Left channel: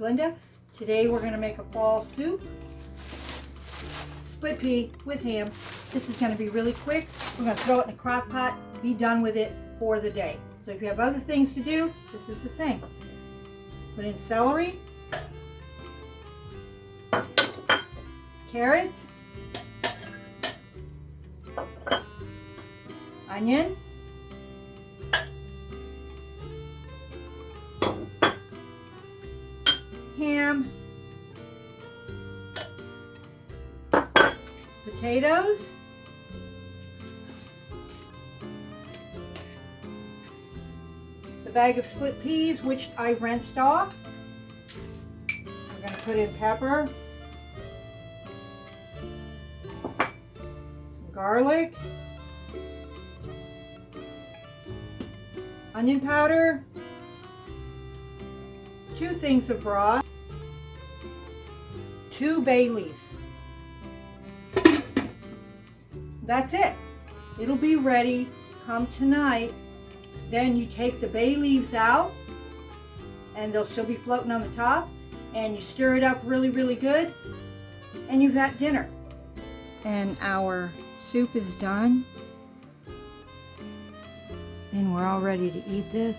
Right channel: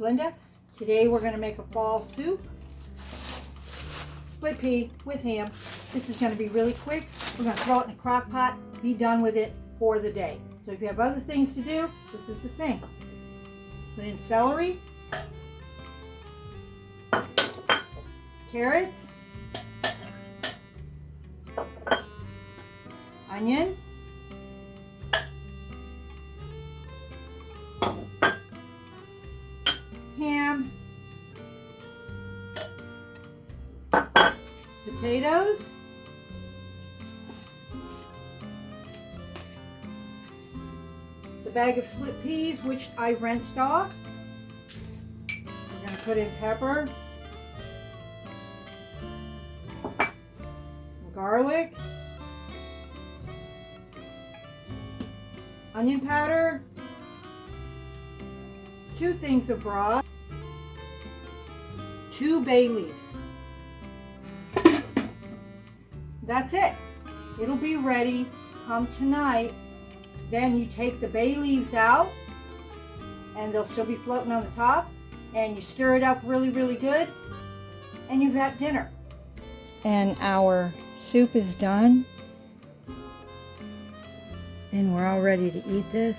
Linda. Today we're going to make a fall soup, split pea with ham. This is going to be really quick. We're going to throw it in a crock pot, be done with it for the day. So if you have other things to do, this is the thing. Put in celery, carrots, onion, ham, potatoes, the bag of split peas, which I rinsed off. I'm going to put in pepper, some garlic, onion powder, 2 things of broth, 2 bay leaves. That's it. It'll be ready come tonight. Then you take the bay leaves out and they'll still be floating on the top, and you stir it up really, really good, and you've got dinner. And our soup is done, and we're all ready to eat this.